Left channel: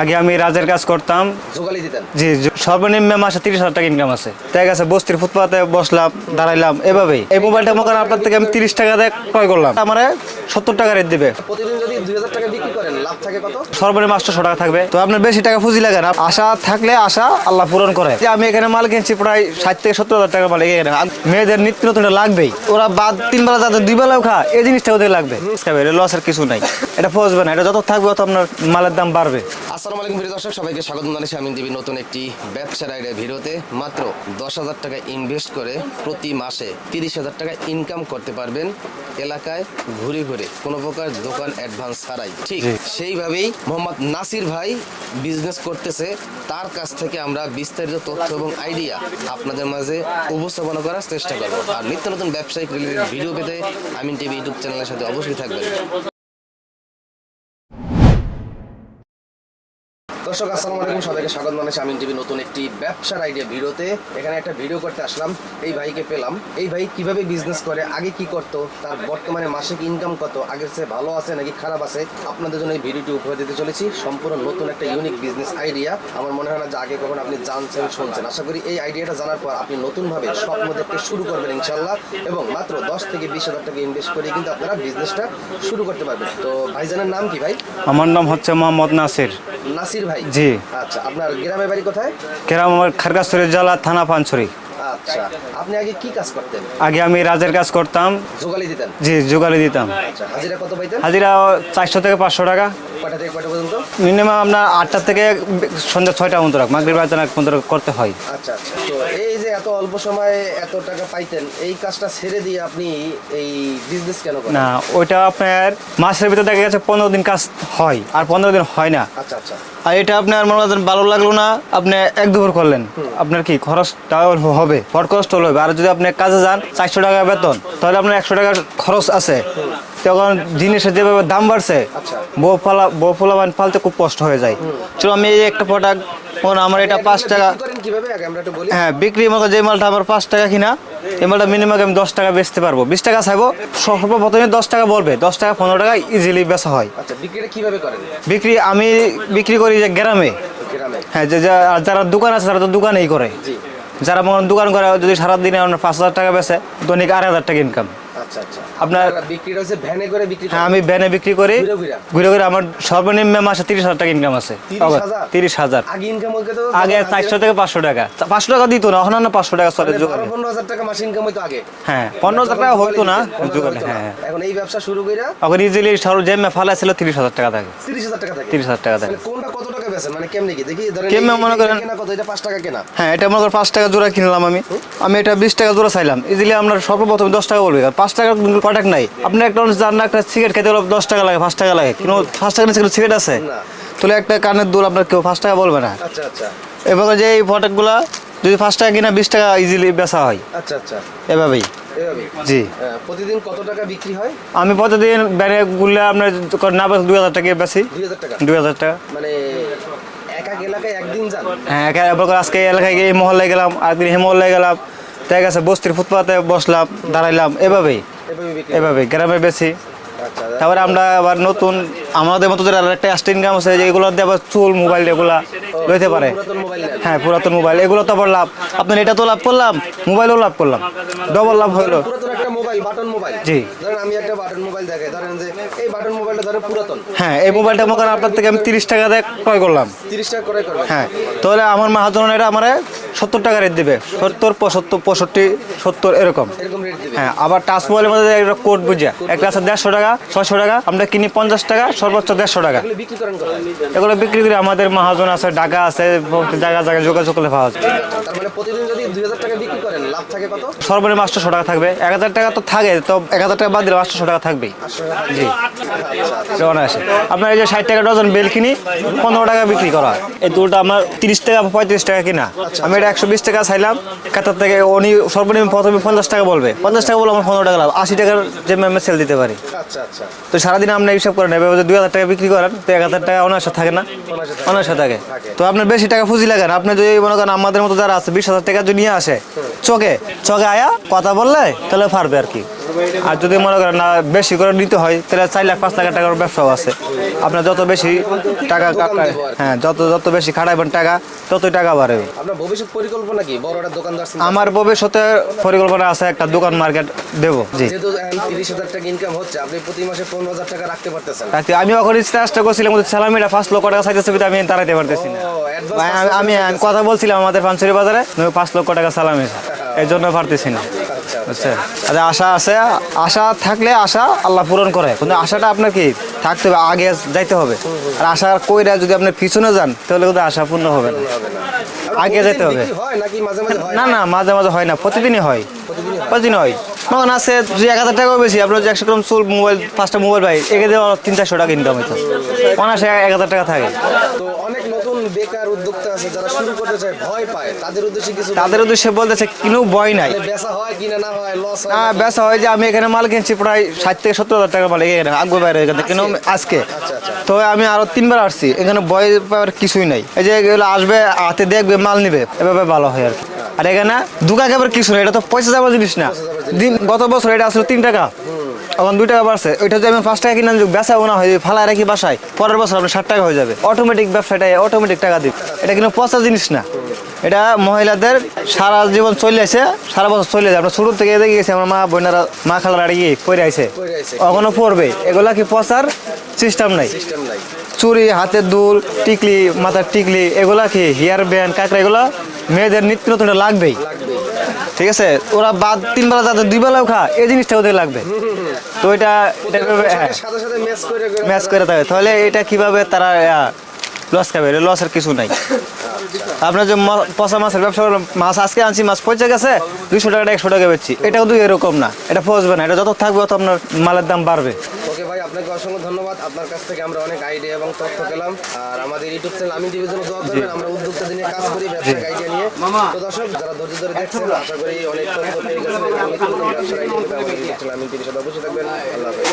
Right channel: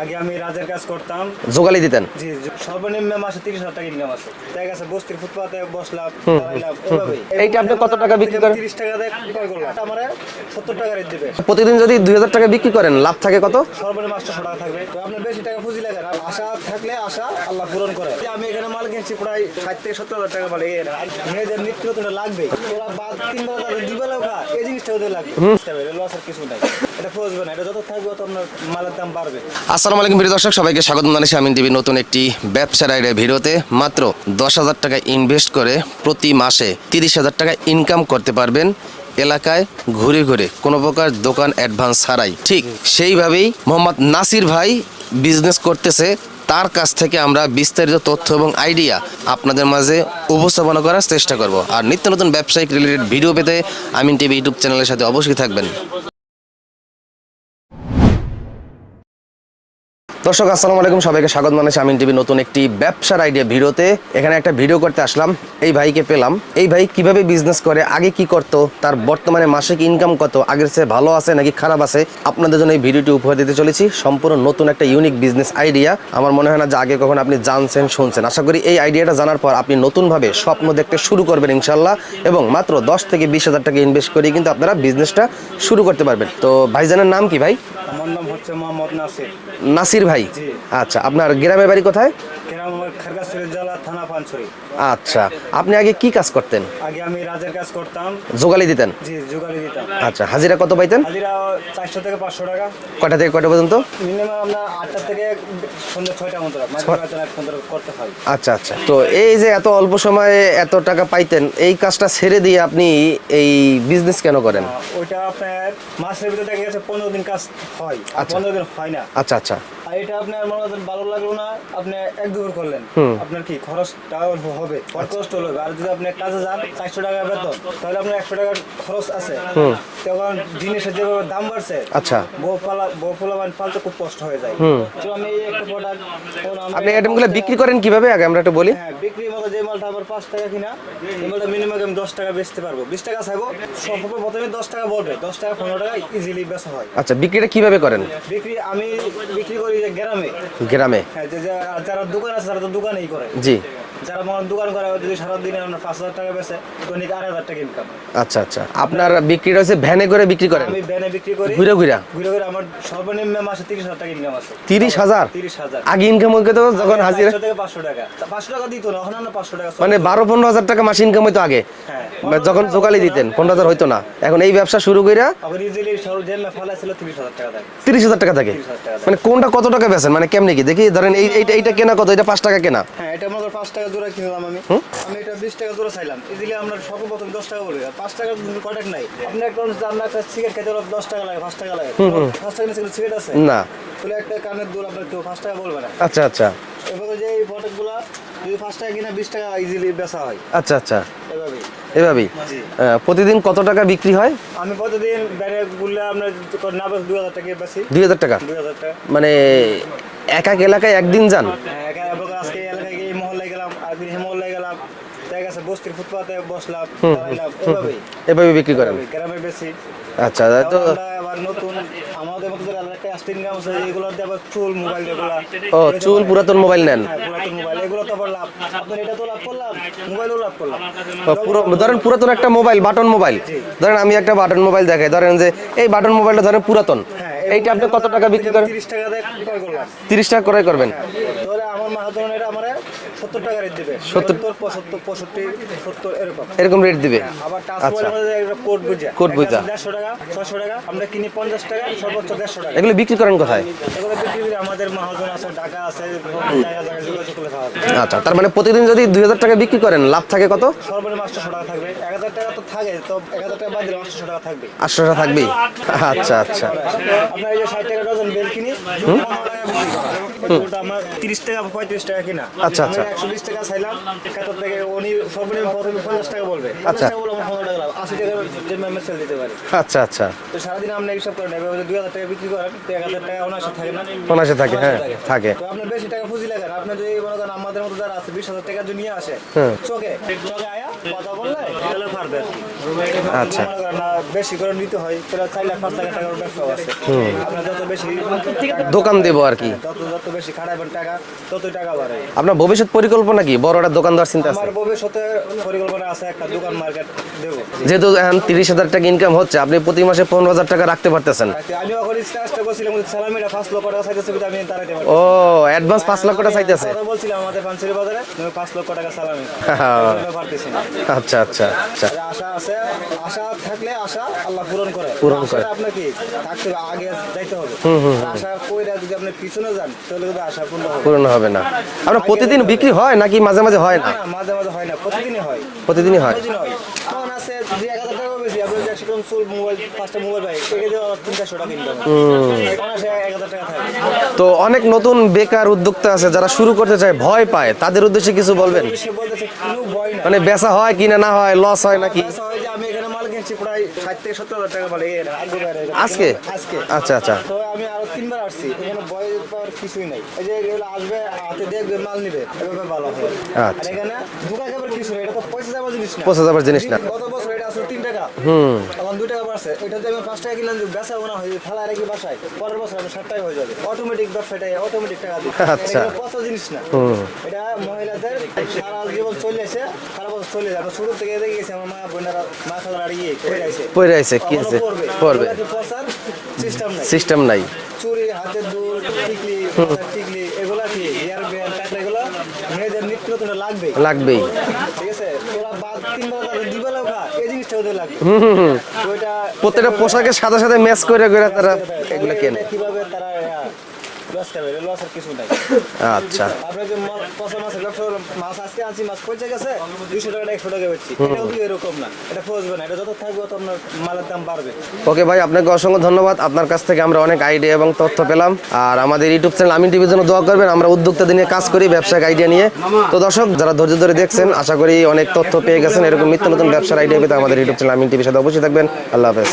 আগে আমি রাজের কাজ করতাম। জোগালি দিতেন? জি সর্বনিম্ন মাসে তিরিশ হাজার টাকা ইনকাম আছে। তাই গেছে বস্তির ফুটপাতে বসলাম দাঁড়াইলাম এভাবেই। এই মোবাইলটা আপনার থেকে আমি তিরিশ টাকা দিয়ে ক্রয় করলাম। আমার সত্তর টাকা রেট দিবে। প্রতিদিন যদি দুই হাজার টাকা বিক্রি করেন লাভ থাকে কত? সর্বনিম্ন আটশো টাকা থাকবে। তো আপনার বেশি টাকা পুঁজি লাগে না। আশা থাকলে আশা আল্লাহ পূরণ করে। যে আমি এখানে মাল কিনছি প্রায় ষাট থেকে সত্তর হাজার টাকা মাল। এখানে মেয়েদের নিত্য নতুন লাগবেই। ওরা বাদ তিন বেলা যাদের দুই বেলাও খা। এই জিনিসটা ওদের লাগবে। লসের কিছু নাই। এটা ফসবে না। এটা যত থাকবে তত আপনার মালের দাম বাড়বে। আসসালামু আলাইকুম প্রিয় দর্শক সবাইকে স্বাগত জানাচ্ছি আমিন টিভির নতুন একটি ব্যবসার আইডিয়া ভিডিওতে। মাত্র দশ হাজার টাকা ইনভেস্ট করে প্রতি মাসে তিরিশ হাজার টাকা ইনকাম করতে পারবেন এলাকায় ঘুরে ঘুরে কোনো প্রকার দোকান অ্যাডভান্স ছাড়াই। ঠিক সেইভাবেই মোহাম্মদ নাসির ভাই বিজনেস করতেছে। তার কাছ থেকে আমরা বিস্তারিত তথ্য এবং আইডিয়া আপনাদের মাঝে উপস্থাপনা করার চেষ্টা করব। আর নিত্য নতুন ব্যবসায়িক রিলেটেড ভিডিও পেতে আমিন টিভি ইউটিউব চ্যানেলের সাথে অবশ্যই থাকবেন। দর্শক, আসসালামু আলাইকুম। সবাইকে স্বাগত জানাচ্ছি আমিন টিভি নতুন একটি ব্যবসার আইডিয়া ভিডিওতে। এখানে একটা ভিডিও করতে আসলাম, এই ভাইকে পেলাম। এই ভাই কীভাবে বিজনেস করে, আগে কি করত, তার বর্তমানে মাসিক ইনকাম কত, আগের চেয়ে ভালো আছে নাকি খারাপ আছে, আপনাদের জন্য এই ভিডিওটি উপহার দিতে চলেছি। সম্পূর্ণ নতুন একটা ইউনিক বিজনেস আইডিয়া আমার মনে হয় না যে আগে কখন আপনি জানছেন, শুনছেন। আশা করি এই আইডিয়াটা জানার পর আপনি নতুনভাবে স্বপ্ন দেখতে শুরু করবেন ইনশাল্লাহ এবং মাত্র দশ থেকে বিশ হাজার টাকা ইনভেস্ট করে কিন্তু আপনারা বিজনেসটা শুরু করতে পারবেন। তো ভাইজানের নাম কি ভাই? আমার নাম হচ্ছে মোহাম্মদ নাসির। নাসির ভাই জি। আচ্ছা আপনার গ্রামের বাড়ি কোথায় কেরাম আমার খারগাছড়ি জেলা থানা পানছড়ি। আচ্ছা আপনি আগে কি কাজ করতেন? আগে আমি রাজের কাজ করতাম। জোগালি দিতেন? জি জোগালি দিতাম। আচ্ছা হাজিরা কত পাইতেন? হাজিরা চারশো থেকে পাঁচশো টাকা। কয়টা থেকে কয়টা পর্যন্ত? মিনিমাম আপনার আটটা থেকে সন্ধ্যা ছয়টা পর্যন্ত রাখ মাগরিব বাজার পর্যন্ত করতে হয়। আচ্ছা আচ্ছা। তো এই যে এত অল্প সময়ে এত টাকা পাইতেন এই কাজটা ছেড়ে দিয়ে আপনি এই বিজনেস কেন করেন? না ওইটা আপনার মাসের ভিতরে দেখা গেছে পনেরো দিন কাজ হয় আর পনেরো দিন হয় না। আচ্ছা আচ্ছা। আর এটা আপনার মনে করেন ভালো লাগল না আপনি এক দুপুর করলেন। আপনার কি খরচটা হবে? ফট হবে আর যদি আপনি কাজে যান চারশো টাকা বেতন তাহলে আপনার একশো টাকার খরচ আছে। তখন জিনিসের যেভাবে দাম বাড়ছে আচ্ছা। বউ পালা বউ পোলাবান পালতে খুব কষ্ট হয়ে যায়। চলো আমি এই একটা প্রোডাক্ট আমার এটা এটা পাঁচ টাকা বিক্রি করেন কীভাবে? আগে আমরা একটু বলি। হ্যাঁ বিক্রি মতো যে মালটা আমার পাঁচ টাকা কিনা এই মালটা মিনিমাম আমি দশ টাকা বেচতে পারব। বিশ টাকা চাইব সর্বপ্রথমে দশ টাকা বলবে। দশ টাকা পনেরো টাকা ইজিলি বেচা হয়। আচ্ছা বিক্রিটা কীভাবে করেন? বিক্রি আমি বিক্রি করি যে গ্রামে? গ্রামে। হ্যাঁ যে যারা দোকান আছে তারা তো দোকানেই করে। জি। যারা মনে দোকান করে যদি সারাদিনে পাঁচ হাজার টাকা বেছে দৈনিক আড়াই হাজার টাকা ইনকাম আচ্ছা আচ্ছা। আপনার বিক্রিটা হচ্ছে ভ্যানে করে বিক্রি করেন? আমি ভ্যানে বিক্রি করি। ঘুরে ঘুরে? ঘুরে ঘুরে আমার সর্বনিম্ন মাসে তিরিশ হাজার টাকা ইনকাম আছে। 30,000? তিরিশ হাজার। আগে ইনকাম হইতে আগে হাজিরা- চারশো থেকে পাঁচশো টাকা। পাঁচশো টাকা দিত না এখন না পাঁচশো টাকা মানে বারো পনেরো হাজার টাকা মাস ইনকাম হইতো আগে। হ্যাঁ যখন। দিতেন পনেরো হাজার হইতো না। হ্যাঁ। এখন এই ব্যবসা শুরু কইরা এখন ইজিলি সরু যে ফালা ছিল তিরিশ হাজার টাকা থাকে। তিরিশ হাজার টাকা থাকে? 30,000 টাকা মানে কোনটা কত টাকা বেচেন? মানে কেমনে কি? দেখি ধরেন করেন- কেনা কত? এটা পাঁচ টাকা কেনা। হ্যাঁ এটা মনে করেন পাঁচ টাকা জোড়া কিনলাম আমি। আমি এটা বিশ টাকা জোড়া চাইলাম। ইজিলি আপনার সর্বপ্রথম দশ টাকা বলবে। পাঁচ টাকা কটাক নাই? আপনি একটা মানুষ যার না একটা সিগারেট খেতে হলে দশ টাকা লাগে পাঁচ টাকা লাগে। কোনো পাঁচ টাকা সিগারেট আছে? না। তাহলে একটা কানের দুল আপনার কেউ পাঁচ টাকা বলবে না। আচ্ছা আচ্ছা। এভাবে যে এই প্রোডাক্টগুলো যদি পাঁচ টাকা কিনা বিশ টাকা ইজিলি বেচা হয়। আচ্ছা আচ্ছা। এভাবেই। এভাবেই? জি। প্রতিদিন কত টাকা বিক্রি হয়? আমি প্রতিদিন ব্যানে গুললে আপনার না বেশ দুই হাজার টাকা বেশি দুই হাজার টাকা? দুই হাজার টাকা। মানে এক এক এলাকায় একদিন যান? হ্যাঁ একা এবার আজকে এলাকায় গিয়ে মহল্লায় গেলাম আরেকদিন এই মহল্লায় গেলাম। দেখা গেছে বস্তির ফুটপাতে বসলাম দাঁড়াইলাম এভাবেই এভাবে বিক্রি এভাবে গ্রামে বেশি। আচ্ছা তারপরে আমরা আবার নতুন আমাদের মতো যারা আরেকটা এক্সট্রা ইনকাম আছে যে এগুলো দিয়ে আবার চুল মোবাইল এগুলা। পুরাতন মোবাইল নেন? হ্যাঁ পুরাতন মোবাইল এগুলো তো আবার লাভ। আপনার এটা তো লাভ করলাম মোবাইলও লাভ করলাম। ডবল লাভ ধরেন পুরাতন একটা মোবাইল বাটন মোবাইল জি। ধরেন আমি একটা বাটন মোবাইল দেখাই ধরেন যে এই বাটন মোবাইলটা ধরেন পুরাতন। হ্যাঁ এই মোবাইলটা আপনার থেকে আমি তিরিশ টাকা দিয়ে ক্রয় করলাম। তিরিশ টাকা করে করবেন। হ্যাঁ তাহলে আমার মাহাজন এটা আমার সত্তর টাকা রেট দিবে। সত্তর পঁচাত্তর পঁয়ষট্টি সত্তর এরকম। এরকম রেট দিবে। হ্যাঁ আবার টাচ মোবাইলের মধ্যে একটা কোড বুঝা। একটা আছে দেড়শো টাকা ছয়শো টাকা আমরা কিনি পঞ্চাশ টাকা সর্বোচ্চ দেড়শো টাকা। এগুলো বিক্রি করেন কোথায়? এগুলো বিক্রি করে আমাদের মহাজন আছে ঢাকা আছে জায়গা জায়গায় যোগাযোগ করলে পাওয়া যায়। আচ্ছা তার মানে প্রতিদিন যদি দুই হাজার টাকা বিক্রি করেন লাভ থাকে কত? সর্বনিম্ন আটশো টাকা থাকবে। এক হাজার টাকা তো থাকে তো এক হাজার টাকা বাদ দিলে আটশো টাকা থাকবেই। আটশো টাকা থাকবেই। আচ্ছা আচ্ছা। আপনার এই যে ষাট টাকা ডজন বিল কিনি পনেরো টাকা বিক্রি করা। এই দুটো আমার তিরিশ টাকা পঁয়ত্রিশ টাকা কিনা। আচ্ছা, আমি এটা একশো বিশ টাকা চাইলাম কাতার থেকে উনি সর্বনিম্ন প্রথমে পঞ্চাশ টাকা বলবে। পঞ্চাশ টাকা বলে আমার পনেরো টাকা লাভ। আশি টাকার যে আমি সেল দিতে পারি। আচ্ছা আচ্ছা। তো সারাদিন আপনি হিসাব করেন যদি দুই হাজার টাকা বিক্রি করেন তো এক হাজার টাকা অনায়াসে থাকে না? অনায়াসে থাকে, অনায়াসে হ্যাঁ, থাকে। থাকে। তো আপনার বেশি টাকা পুঁজি লাগে না। আপনি যদি মনে করেন আমাদের মতো যারা আছে বিশ হাজার টাকা যদি নিয়ে আসে। চকে চকে আয়া কথা বললে তাহলে পারবে আর কি। আর যদি আচ্ছা। মনে করেন না বেশি করে নিতে হয় তাহলে চার লাখ পাঁচ লাখ টাকার ব্যবসাও আছে। আপনার যত বেশি টাকা দোকান দেবো আর কি। হ্যাঁ যত যত বেশি খাটাইবেন টাকা ততই টাকা বাড়বে। আপনার ভবিষ্যৎ পরিকল্পনা কি? বড় একটা দোকানদার চিন্তা আমার ভবিষ্যতে পরিকল্পনা আছে একটা দোকান মার্কেট দেবো। যেহেতু এখন তিরিশ হাজার টাকা ইনকাম হচ্ছে আপনি প্রতি মাসে পনেরো হাজার টাকা রাখতে পারতেছেন। আমি এখন চেষ্টা করছিলাম সালামিটা পাঁচ লক্ষ টাকা চাইতেছে আমি দাঁড়াইতে পারতেছি না। অ্যাডভান্স পাঁচ লক্ষ টাকা। কথা বলছিলাম আমাদের পাঞ্চেরি বাজারে পাঁচ লক্ষ টাকা সালামি এই জন্য পারতেছি না। আচ্ছা আচ্ছা আচ্ছা। আচ্ছা, আশা আছে আশা থাকলে আশা আল্লাহ পূরণ করে। কিন্তু আশাটা আপনার কি? থাকতে হবে আগে যাইতে হবে। আর আশা কইরা যদি আপনি পিছনে যান তাহলে কিন্তু আশা পূর্ণ হবে। পূরণ হবে না। আপনার প্রতিদিন। বিক্রি হয় নাকি মাঝে মাঝে হয় না না? মাঝে মাঝে হয় না প্রতিদিনই হয়। প্রতিদিনই হয়? প্রতিদিন হয়। আছে দুই এক হাজার টাকাও বেশি। আপনার একশো গ্রাম চুল মোবাইল পাঁচটা মোবাইল ভাই তিন চারশো টাকা ইনকাম এক হাজার টাকা থাকে। তো অনেক নতুন বেকার উদ্যোক্তা আছে যারা শুরু করতে চায় ভয় পায়। তাদের উদ্দেশ্যে কিছু তাদের উদ্দেশ্যে বলতেছে কিনো ভয় নাই। মানে বেচা হয় কিনা না হয় লস হয় হ্যাঁ বেচা হয় যে আমি এখানে মাল কিনছি প্রায় ষাট থেকে সত্তর হাজার টাকা মাল এখানে আগো বাইরে আজকে? আচ্ছা আচ্ছা। তো আমি আরও তিনবার আসছি এখানে ভয় পাওয়ার কিছুই নাই। এই যে এগুলো আসবে হাতে দেখবে মাল নিবে এভাবে ভালো হয় আর। আচ্ছা। এখানে দুকা খাবার কিছু না এটা তো পয়সা যাবার জিনিস না। পয়সা যাবার জিনিস না। গত বছর এটা আসলে তিন টাকা। এখন দুই টাকা বাড়ছে। ওইটা যদি আমি পাঁচ টাকা কিনে আনি, বেচা না হয় ফালা রাখি বাসায় পরের বছর আপনার ষাট টাকা হয়ে যাবে। অটোমেটিক ব্যবসাটা অটোমেটিক টাকা দিবে আচ্ছা। এটা কিন্তু পচা জিনিস না। এটা মহিলাদের সারা জীবন চলে আসে সারা বছর চলে যায় আমরা ছোট থেকে দেখে গেছি আমার মা বোনেরা মা খালার আড়িয়ে পড়ে আইছে। পইরা আইছে, কি এখনও পড়বে। এগুলা কি পচার সিস্টেম নাই? সিস্টেম নাই। চুরি হাতের দুল টিকলি মাথার টিকলি এগুলা কি হেয়ার ব্যান্ড কাঁকড়া এগুলা মেয়েদের নিত্য নতুন লাগবেই? লাগবেই। ঠিক আছে? ওরা বাদ তিন বেলা তাদের দুই বেলাও খা এই জিনিসটা ওদের লাগবে। তো এটা প্রত্যেকটা পোশাকের সাথে সাথে ম্যাচ করে করে ম্যাচ করে থাকে তাহলে এটা কীভাবে তারা লস খাবে? লসের কিছু নাই। আচ্ছা। আপনার যে পচা মাছের ব্যবসা করবেন, মাছ আজকে আনছি মাছ পচে গেছে দুইশো টাকা একশো টাকা বেচছি। এটাও তো এরকম না এটা পচবে না এটা যত থাকবে তত আপনার মালের দাম বাড়বে। ওকে ভাই আপনাকে অসংখ্য ধন্যবাদ। আপনার কাছ থেকে আমরা অনেক আইডিয়া এবং তথ্য পেলাম। আর আমাদের ইউটিউব চ্যানেল আমিন টিভির জন্য দোয়া করবেন। আমরা উদ্যোক্তাদের নিয়ে কাজ করি ব্যবসায়িক আইডিয়া নিয়ে। তো দর্শক যারা ধৈর্য ধরে দেখছেন আশা করি অনেক তথ্য পেয়ে গেছেন। এরকম নিত্য নতুন ব্যবসার আইডিয়া পেতে আমাদের ইউটিউব চ্যানেল আমিন টিভির সাথে অবশ্যই থাকবেন। আল্লাহ হাফেজ।